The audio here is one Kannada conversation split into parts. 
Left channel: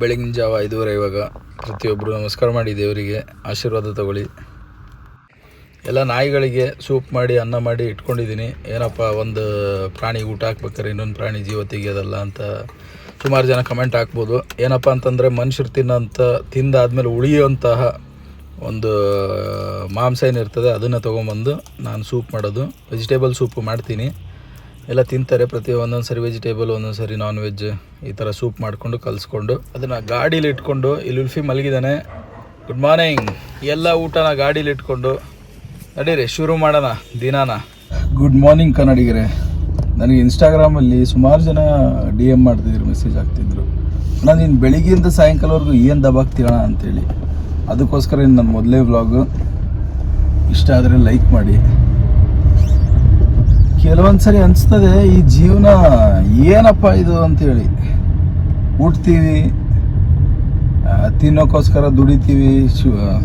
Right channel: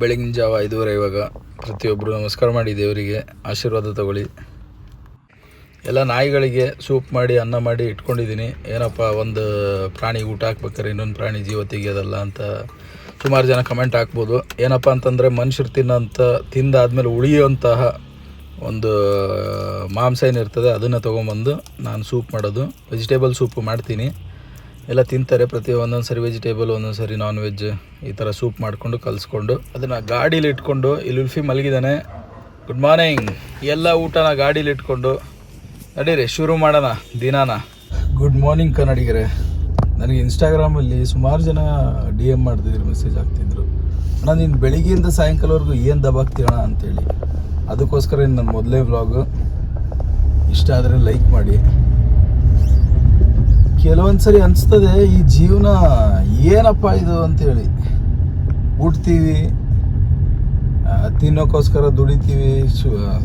ಬೆಳಗಿನ ಜಾವ 5:30 ಇವಾಗ. ಪ್ರತಿಯೊಬ್ಬರು ನಮಸ್ಕಾರ ಮಾಡಿ ದೇವರಿಗೆ ಆಶೀರ್ವಾದ ತಗೊಳ್ಳಿ. ಎಲ್ಲ ನಾಯಿಗಳಿಗೆ ಸೂಪ್ ಮಾಡಿ ಅನ್ನ ಮಾಡಿ ಇಟ್ಕೊಂಡಿದ್ದೀನಿ. ಏನಪ್ಪ ಒಂದು ಪ್ರಾಣಿ ಊಟ ಹಾಕ್ಬೇಕಾರೆ ಇನ್ನೊಂದು ಪ್ರಾಣಿ ಜೀವ ತೆಗಿಯೋದಲ್ಲ ಅಂತ ಸುಮಾರು ಜನ ಕಮೆಂಟ್ ಹಾಕ್ಬೋದು. ಏನಪ್ಪ ಅಂತಂದರೆ ಮನುಷ್ಯರು ತಿಂದಾದ್ಮೇಲೆ ಉಳಿಯುವಂತಹ ಒಂದು ಮಾಂಸ ಏನಿರ್ತದೆ ಅದನ್ನು ತೊಗೊಂಬಂದು ನಾನು ಸೂಪ್ ಮಾಡೋದು. ವೆಜಿಟೇಬಲ್ ಸೂಪು ಮಾಡ್ತೀನಿ. ಎಲ್ಲ ತಿಂತಾರೆ. ಒಂದೊಂದು ಸರಿ ವೆಜಿಟೇಬಲ್, ಒಂದೊಂದು ಸರಿ ನಾನ್ ವೆಜ್, ಈ ಥರ ಸೂಪ್ ಮಾಡಿಕೊಂಡು ಕಲಿಸ್ಕೊಂಡು ಅದನ್ನು ಗಾಡೀಲಿ ಇಟ್ಕೊಂಡು ಇಲ್ಲಿ ಉಲ್ಫಿ ಮಲಗಿದ್ದಾನೆ. Good morning. ಎಲ್ಲ ಊಟನ ಗಾಡೀಲಿ ಇಟ್ಕೊಂಡು ನಡೀರಿ ಶುರು ಮಾಡೋಣ ದಿನಾನ. ಗುಡ್ ಮಾರ್ನಿಂಗ್ ಕನ್ನಡಿಗರೇ. ನನಗೆ ಇನ್ಸ್ಟಾಗ್ರಾಮಲ್ಲಿ ಸುಮಾರು ಜನ DM ಮಾಡ್ತಿದ್ರು, ಮೆಸೇಜ್ ಆಗ್ತಿದ್ರು, ನಾನು ಇನ್ನು ಬೆಳಿಗ್ಗೆಯಿಂದ ಸಾಯಂಕಾಲವರೆಗೂ ಏನು ದಬಾಕ್ತೀರಣ ಅಂತೇಳಿ. ಅದಕ್ಕೋಸ್ಕರ ಇನ್ನು ನನ್ನ ಮೊದಲೇ ವ್ಲಾಗು. ಇಷ್ಟ ಆದರೆ ಲೈಕ್ ಮಾಡಿ. ಕೆಲವೊಂದು ಸರಿ ಅನಿಸ್ತದೆ ಈ ಜೀವನ ಏನಪ್ಪ ಇದು ಅಂತೇಳಿ. ಹುಟ್ತೀವಿ, ತಿನ್ನೋಕ್ಕೋಸ್ಕರ ದುಡಿತೀವಿ,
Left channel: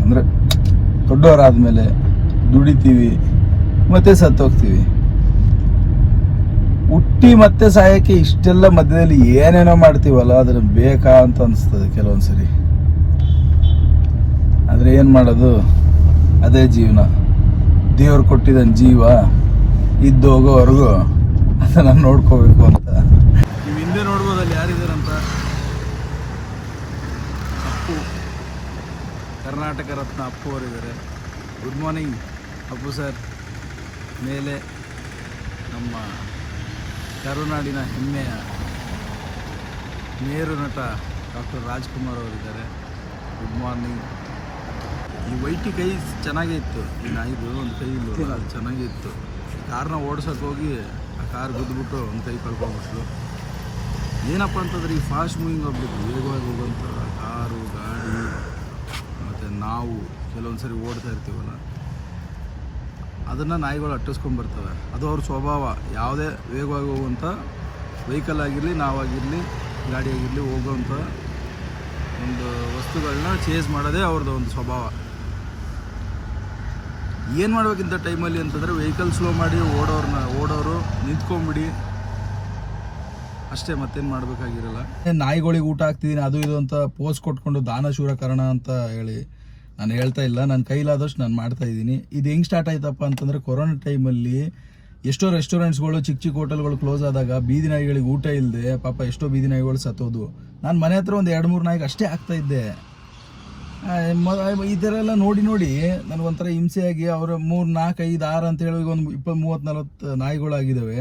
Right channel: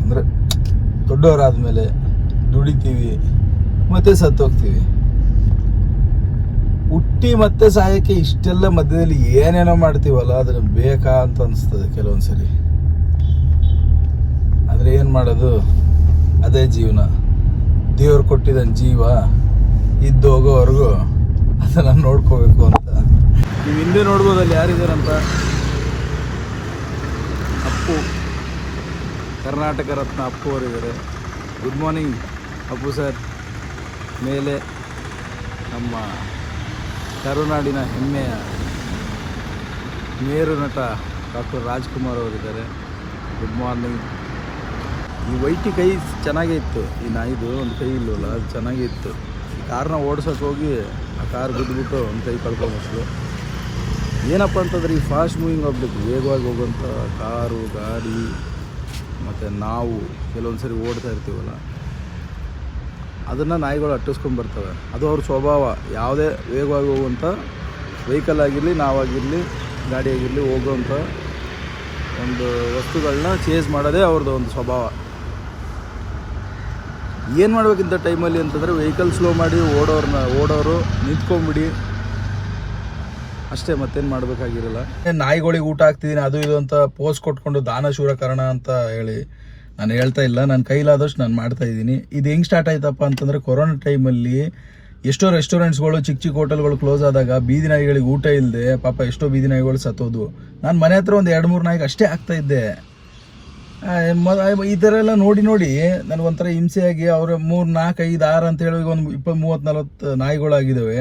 ಅಂದರೆ ದೊಡ್ಡವರಾದ್ಮೇಲೆ ದುಡಿತೀವಿ, ಮತ್ತೆ ಸತ್ತೋಗ್ತೀವಿ. ಹುಟ್ಟಿ ಮತ್ತೆ ಸಾಯಕ್ಕೆ ಇಷ್ಟೆಲ್ಲ ಮಧ್ಯದಲ್ಲಿ ಏನೇನೋ ಮಾಡ್ತೀವಲ್ಲ, ಅದನ್ನು ಬೇಕಾ ಅಂತ ಅನಿಸ್ತದೆ ಕೆಲವೊಂದು ಸರಿ. ಆದರೆ ಏನು ಮಾಡೋದು, ಅದೇ ಜೀವನ. ದೇವ್ರು ಕೊಟ್ಟಿದ್ದಾನೆ ಜೀವ, ಇದ್ದು ಹೋಗೋವರೆಗೂ ಅದನ್ನು ನೋಡ್ಕೋಬೇಕು ಅಂತ. ನೀವು ಹಿಂದೆ ನೋಡ್ಬೋದಲ್ಲಿ ಯಾರಿದ್ದಾರಂತ. ಅಪ್ಪು, ಕರ್ನಾಟಕ ರತ್ನ ಅಪ್ಪು ಅವರಿದ್ದಾರೆ. Good morning Appu sir. ಮೇಲೆ ನಮ್ಮ ಕರುನಾಡಿನ ಹೆಮ್ಮೆಯ ಮೇರು ನಟ ಡಾಕ್ಟರ್ ರಾಜ್ಕುಮಾರ್ ಅವರಿದ್ದಾರೆ. Good morning. ಈ ವೈಟಿ ಕೈ ಚೆನ್ನಾಗೇ ಇತ್ತು, ಈ ನಾಯಿದು ಒಂದು ಕೈ ಇಲ್ವಲ್ಲ, ಅದು ಚೆನ್ನಾಗೇ ಇತ್ತು. ಕಾರ್ನ ಓಡ್ಸೋಕೆ ಹೋಗಿ ಆ ಕಾರ್ ಬಿದ್ದುಬಿಟ್ಟು ಒಂದು ಕೈ ಕಳ್ಕೊಂಬಸ್ಲು. ಏನಪ್ಪ ಅಂತಂದರೆ ಈ ಫಾಸ್ಟ್ ಮೂವಿಂಗ್ ಆಬ್ಜೆಕ್ಟ್, ವೇಗವಾಗಿ ಹೋಗುವಂಥ ಕಾರು, ಗಾಡಿ, ಮತ್ತು ನಾವು ಕೆಲವೊಂದು ಸರಿ ಓಡ್ತಾ ಇರ್ತೀವಲ್ಲ, ಅದನ್ನು ನಾಯಿಗಳು ಅಟ್ಟಿಸ್ಕೊಂಡ್ಬರ್ತವೆ. ಅದು ಅವ್ರ ಸ್ವಭಾವ. ಯಾವುದೇ ವೇಗವಾಗಿ ಹೋಗುವಂಥ ವೆಹಿಕಲ್ ಆಗಿರಲಿ, ನಾವಾಗಿರಲಿ, ಗಾಡಿಯಾಗಿರಲಿ, ಹೋಗುವಂಥ ಒಂದು ವಸ್ತುಗಳನ್ನ ಚೇಸ್ ಮಾಡೋದೇ ಅವ್ರದ್ದು ಒಂದು ಸ್ವಭಾವ. ಏನು ಮಾಡ್ಬೇಕಿಂತ ಟೈಮಲ್ಲಿ ಅಂತಂದರೆ ವೆಹಿಕಲ್ ಸ್ಲೋ ಮಾಡಿ ಓಡೋರು ನಿಂತ್ಕೊಂಬಿಡಿ ಅಷ್ಟೇ, ಮತ್ತೇನು ಮಾಡಬೇಕಾಗಿರಲ್ಲ. ನಾಯಿಗಳಿಗೆ ಊಟ ಹಾಕ್ತಿದ್ದೀನಿ ಅದು ಇದು ಅಂತ ಪೋಸ್ ಕೊಟ್ಕೊಂಡು ದಾನ ಶೂರಕರಣ ಅಂತ ಹೇಳಿ ನಾನು ಹೇಳ್ತಾ ಇಲ್ಲ. ನನ್ನ ಕೈಲಾದಷ್ಟು ನಾನು ಮಾಡ್ತಾ ಇದ್ದೀನಿ. ಇದು ಹೆಂಗೆ ಸ್ಟಾರ್ಟ್ ಆಯ್ತಪ್ಪ ಅಂತಂದರೆ, ಕೊರೋನಾ ಟೈಮಲ್ಲಿ ಎಷ್ಟೋ ರೆಸ್ಟೋರೆಂಟ್ಸ್ಗಳು, ಚಿಕ್ಕ ಚಿಕ್ಕ ಹೋಟೆಲ್ಗಳು ಕ್ಲೋಸ್ ಆದಾಗ ಬೀದಿ ನಾಯಿಗಳಿಗೆ ಊಟ ಇಲ್ಲದೆ ಪಾಪ ಎಷ್ಟೋ ಬೀದಿ ನಾಯಿಗಳು ಸತ್ತೋದು. ನಾನು ಮನೆ ಹತ್ರ ಒಂದು 2-3 ನಾಯಿಗೆ ಅಷ್ಟೇ ಆಗ್ತಾ ಇದ್ದೆ. ಈ ಥರ ಎಲ್ಲ ನೋಡಿ ನನಗೊಂಥರ ಹಿಂಸೆಯಾಗಿ ಅವರು 3, 4, 5, 6 ಅಂತೇಳಿ ಒಂದು 20, 30, 40 ನಾಯಿಗಳಾಗಿದ್ದಾವೆ.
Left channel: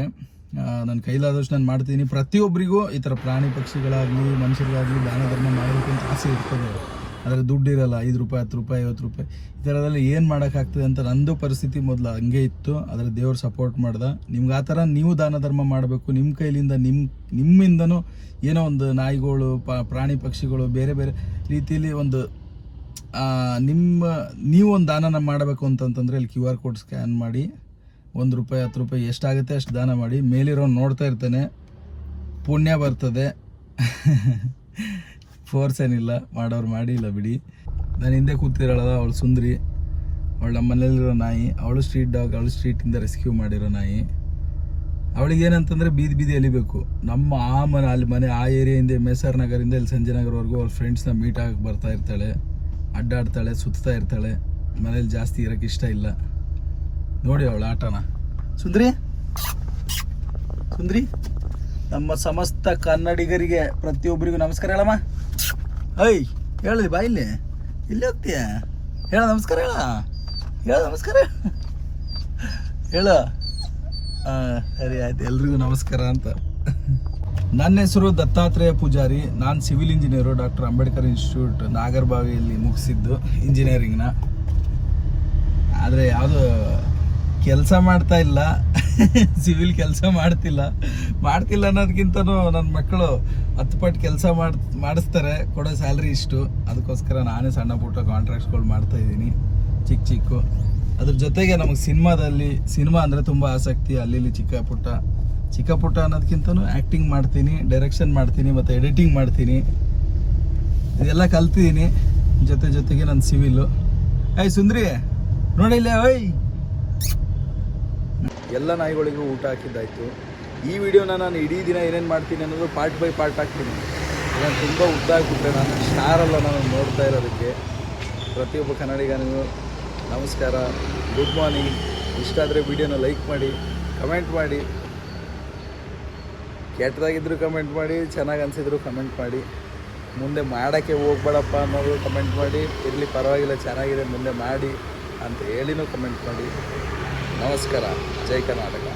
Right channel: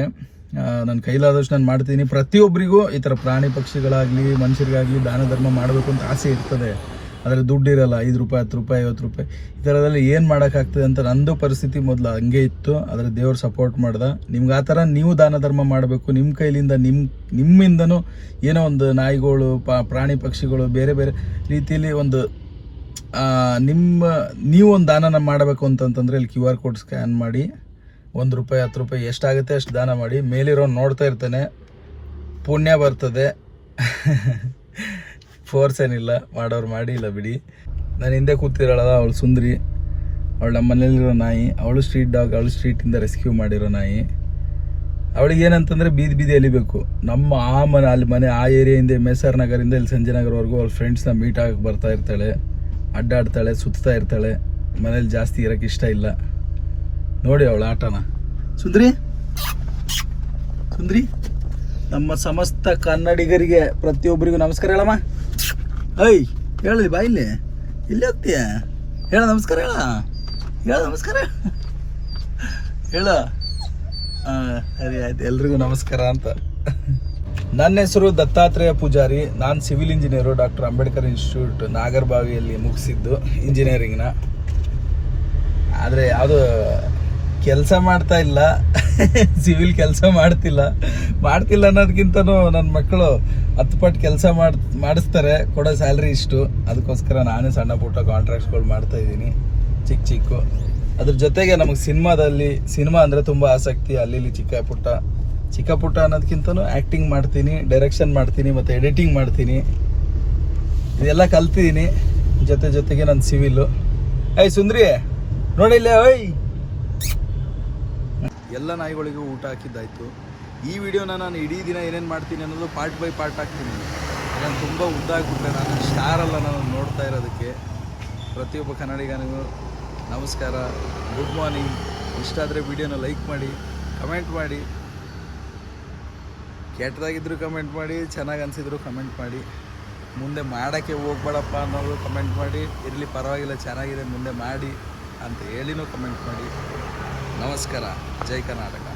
ನನ್ನ ಕೈಲಾದಷ್ಟು ನಾನು ಮಾಡ್ತೀನಿ. ಪ್ರತಿಯೊಬ್ಬರಿಗೂ ಈ ಥರ ಪ್ರಾಣಿ ಪಕ್ಷಿಗಳಾಗಲಿ ಮನುಷ್ಯರಿಗಾಗಲಿ ದಾನ ಧರ್ಮ ಮಾಡಬೇಕು ಅಂತ ಆಸೆ ಇರ್ತದೆ. ಆದರೆ ದುಡ್ಡಿರಲ್ಲ. 5 ರೂಪಾಯಿ, 10 ರೂಪಾಯಿ, 50 ರೂಪಾಯಿ ಈ ಥರದಲ್ಲಿ ಏನು ಮಾಡೋಕ್ಕಾಗ್ತದೆ ಅಂತ ನಂದು ಪರಿಸ್ಥಿತಿ ಮೊದಲು ಹಂಗೆ ಇತ್ತು. ಆದರೆ ದೇವ್ರು ಸಪೋರ್ಟ್ ಮಾಡ್ದೆ. ನಿಮ್ಗೆ ಆ ಥರ ನೀವು ದಾನ ಧರ್ಮ ಮಾಡಬೇಕು. ನಿಮ್ಮ ಕೈಲಿಂದ ನಿಮ್ಮಿಂದನೂ ಏನೋ ಒಂದು ನಾಯಿಗಳು, ಪ್ರಾಣಿ ಪಕ್ಷಿಗಳು ಬೇರೆ ಬೇರೆ ರೀತಿಯಲ್ಲಿ ಒಂದು ನೀವು ಒಂದು ದಾನನ ಮಾಡಬೇಕು ಅಂತಂತಂದರೆ ಇಲ್ಲಿ QR ಕೋಡ್ ಸ್ಕ್ಯಾನ್ ಮಾಡಿ 1 ರೂಪಾಯಿ, 10 ರೂಪಾಯಿ ಎಷ್ಟಾಗುತ್ತೆ ಅಷ್ಟು ದಾನ ಮಾಡಿ. ಮೇಲಿರೋ ನೋಡ್ತಾ ಇರ್ತಾನೆ, ಪುಣ್ಯ ಬರ್ತದೆ. ಫೋರ್ಸ್ ಏನಿಲ್ಲ, ಮಾಡೋರು ಮಾಡಿ, ಇಲ್ಲ ಬಿಡಿ. ನಾನು ಹಿಂದೆ ಕೂತಿರೋಳಲ್ಲ ಅವಳು ಸುಂದ್ರಿ, ಅವಳು ನಮ್ಮ ಮನೇಲಿರೋ ನಾಯಿ. ಅವಳು ಸ್ಟ್ರೀಟ್ ಡಾಗ್, ಅವಳು ಸ್ಟ್ರೀಟಿಂದ ರೆಸ್ಕ್ಯೂ ಮಾಡಿರೋ ನಾಯಿ. ಅವಳಿಗೆ ಏನಂತಂದರೆ ಬೀದಿ ಎಲಿಬೇಕು. ನಮ್ಮ ಅಲ್ಲಿ ಮನೆ ಆ ಏರಿಯಾಯಿಂದ MSR ನಗರಿಂದ ಇಲ್ಲಿ ಸಂಜಯ್ ನಗರವರೆಗೂ ಅವ್ಳ ಫ್ರೆಂಡ್ಸ್ನ ಮೀಟ್ ಆಗಕ್ಕೆ ಬರ್ತಾ ಇರ್ತಾಳೆ, ಅಡ್ಡಾಡ್ತಾಳೆ, ಸುತ್ತಾ ಇರ್ತಾಳೆ. ಮನೇಲಿ ಜಾಸ್ತಿ ಇರೋಕ್ಕೆ ಇಷ್ಟ ಇಲ್ಲ. ನೋಡಿ ಅವಳ ಆಟನ. ಸುಂದ್ರಿ, ನಮ್ಮ ಸಮಸ್ತ ಕನ್ನಡಿಗರಿಗೆ ಪ್ರತಿಯೊಬ್ಬರಿಗೂ ನಮಸ್ಕಾರ ಹೇಳಮ್ಮ. ಹೇಳಿ ಬಾ, ಇಲ್ಲಿ ಹೋಗ್ತೀಯ, ಹೇಳ ನಮಸ್ಕಾರ, ಹೇಳ ನಮಸ್ಕಾರ, ಹೇಳ. ಸರಿ ಆಯ್ತು, ಎಲ್ರಿಗೂ ನಮಸ್ಕಾರ ಅಂತ. ನನ್ನ ಹೆಸರು ದತ್ತಾತ್ರೇಯ ಪೂಜಾರಿ. ನಾನು civil engineer, doctor Ambedkar institute ನಾಗರಬಾವಿಯಲ್ಲಿ ಮುಗಿಸಿದ್ದು ಇಂಜಿನಿಯರಿಂಗ್ನ. ಆದರೆ ಯಾವುದು ಕೆಲಸ ಮಾಡ್ತಾ ಇಲ್ಲ, ಸಿವಿಲ್ ಕೆಲಸ ಮಾಡ್ತಿಲ್ಲ ಅನ್ನೋದಕ್ಕಿಂತನೂ ನನ್ನ ಮಕ್ಕಳು 10 ಪಟ್ಟು ಕೆಲಸ ಮಾಡಿಸ್ತಾರೆ, ಕೊಡೋ ಸ್ಯಾಲ್ರಿ ಇಷ್ಟು. ಅದಕ್ಕೋಸ್ಕರ ನಾನೇ ಸಣ್ಣ ಪುಟ್ಟ ಕಾಂಟ್ರಾಕ್ಟ್ಸ್ಗಳು ಮಾಡ್ತಾ ಇದ್ದೀನಿ, ಚಿಕ್ಕ. ಅದ್ರ ಜೊತೆಗೆ ನಮಗೆ ಸಿನಿಮಾ ಅಂದರೆ ತುಂಬ ಆಸಕ್ತಿ. ಅಲ್ಲಿ ಚಿಕ್ಕ ಪುಟ್ಟ ಅನ್ನೋದಕ್ಕಿಂತನೂ ಆ್ಯಕ್ಟಿಂಗ್ ಮಾಡ್ತೀನಿ, ಡೈರೆಕ್ಷನ್ ಮಾಡ್ತೀನಿ, ಮತ್ತು ಎಡಿಟಿಂಗ್ ಮಾಡ್ತೀನಿ. ಇದೆಲ್ಲ ಕಲ್ತಿದ್ದೀನಿ. ಜೊತೆಗೆ ನನ್ನ ಸಿವಿಲು. ಸುಂದ್ರಿ ನೋಡಿಲ್ಲ. ಎಲ್ಲ ನಾಯಿಗಳಿಗೂ ಊಟ ಹಾಕಿದ್ದಾಯಿತು. ಈ ವಿಡಿಯೋನ ನಾನು ಇಡೀ ದಿನ ಏನೇನು ಮಾಡ್ತೀನಿ ಅನ್ನೋದು ಪಾರ್ಟ್ ಬೈ ಪಾರ್ಟ್ ಹಾಕ್ತೀನಿ. ಈಗ ತುಂಬ ಉದ್ದ ಆಗಿಬಿಟ್ರೆ ನಾನು ಸ್ಟಾರಲ್ಲ ನಾನು ನೋಡ್ತಾ ಇರೋದಕ್ಕೆ. ಪ್ರತಿಯೊಬ್ಬ ಕನ್ನಡಿಗನಿಗೂ ನಮಸ್ಕಾರ, ಗುಡ್ ಮಾರ್ನಿಂಗ್. ಇಷ್ಟ ಆದರೆ ವಿಡಿಯೋನ ಲೈಕ್ ಮಾಡಿ, ಕಮೆಂಟ್ ಮಾಡಿ. ಕೆಟ್ಟದಾಗಿದ್ದರೂ ಕಮೆಂಟ್ ಮಾಡಿ, ಚೆನ್ನಾಗಿ ಅನಿಸಿದ್ರು ಕಮೆಂಟ್ ಮಾಡಿ. ಮುಂದೆ ಮಾಡೋಕ್ಕೆ ಹೋಗ್ಬೇಡಪ್ಪ ಅನ್ನೋದು ಕಮೆಂಟ್ ಮಾಡಿ. ಇರಲಿ ಪರವಾಗಿಲ್ಲ, ಚೆನ್ನಾಗಿದೆ, ಮುಂದೆ ಮಾಡಿ ಅಂತ ಹೇಳಿನೂ ಕಮೆಂಟ್ ಮಾಡಿ. ನಮಸ್ಕಾರ. ಜೈ ಕರ್ನಾಟಕ.